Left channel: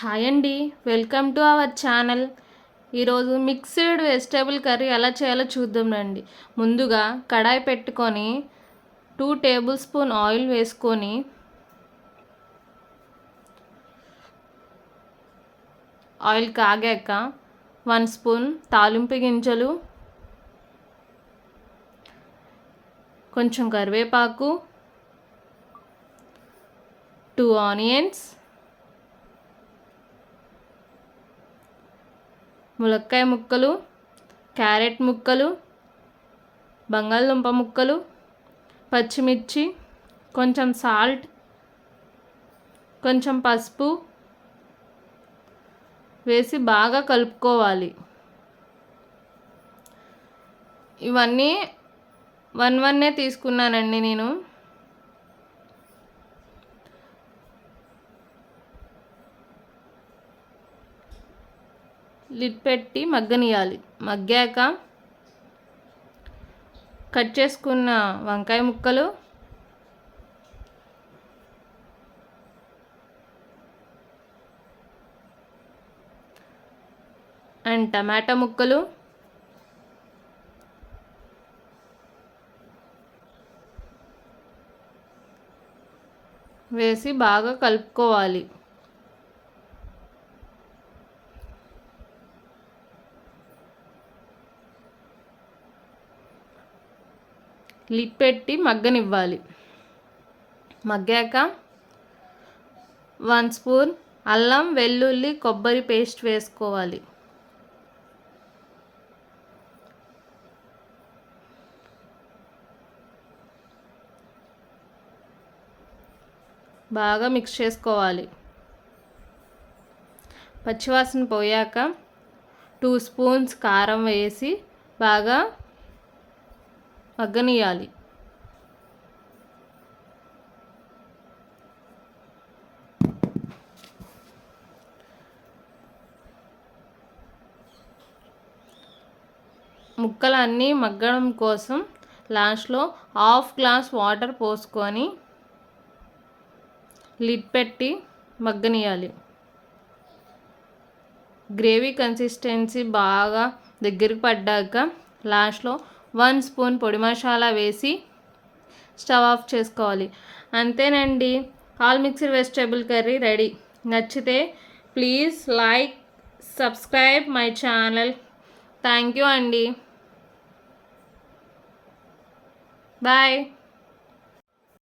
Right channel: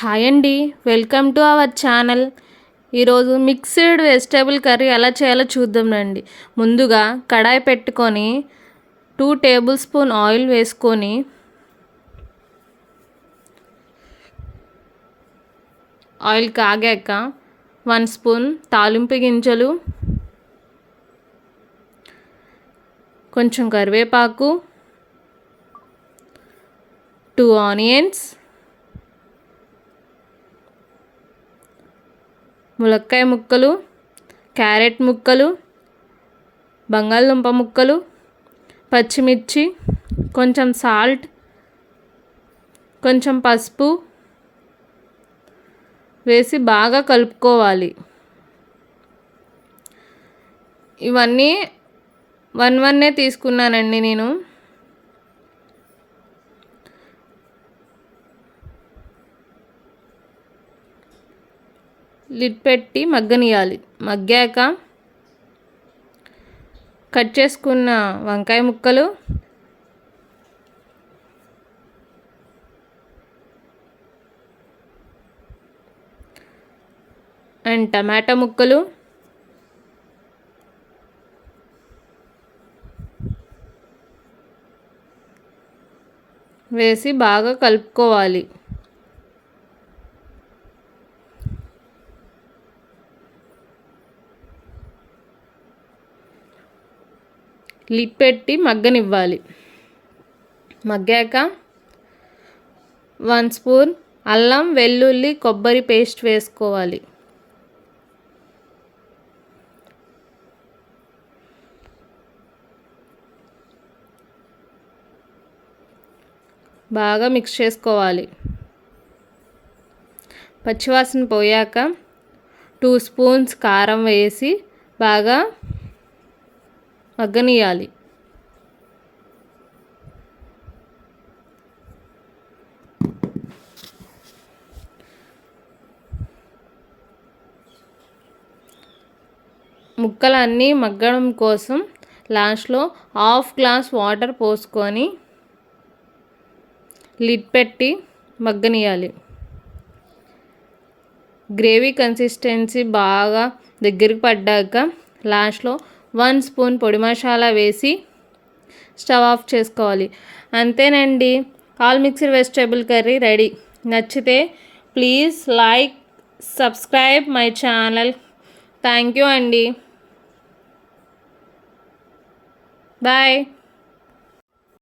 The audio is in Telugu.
హాయ్ అండి, వెల్కమ్ టు అవర్ ఛానల్. ఈరోజు మిక్స్డ్ వెజిటేబుల్ కర్రీ ఎలా చేయాలో చూద్దాం రండి. ముందుగా కడాయి పెట్టుకొని 2 టేబుల్ స్పూన్ ఆయిల్ వేసుకొని ఆయిల్ కాగాక 1 స్పూన్ తాలింపు గింజలు, కొంచెం కరివేపాకు, 2 ఆనియన్స్, ములక్కాయ ముక్కలు, క్యారెట్ ముక్కలు, బంగాళదుంప ముక్కలు, పచ్చిమిర్చి, కొంచెం సాల్ట్, కొంచెం పసుపు వేసి బాగా కలుపుకోవాలి. ఇవన్నీ 1 తీసుకున్నానండి నేను. లిడ్ పెట్టి మగ్గనియాలి. మగ్గాక కట్ చేసుకున్న వంకాయ ముక్కలు, అండ్ టమాటా ముక్కలు వేసి బాగా కలుపుకోవాలి. లిడ్ పెట్టి మగ్గనివ్వాలి. మగ్గాక 1 స్పూన్ అల్లం వెల్లుల్లి కొబ్బరి పేస్ట్ వేసుకోవాలి. బాగా మిక్స్ చేసుకోవాలి. పచ్చివాసన పోయాక 2 స్పూన్స్ కారం వేసి బాగా మగ్గనియాలి. ముక్కలన్నీ మగ్గడం కోసం లాస్ట్లో 1/2 గ్లాస్ వాటర్ పోసుకొని లిడ్ పెట్టి మగ్గనియాలి. గ్రేవీ కన్సిస్టెన్సీ బాగా దగ్గరికి పడ్డాక లాస్ట్లో 1 స్పూన్ పొడి మసాలా వేసి స్టవ్ ఆఫ్ చేసుకోవాలి. అంతేనండి, all mixed vegetable curry ready. నచ్చితే please like, subscribe my channel. Thank you అండి. బాయ్.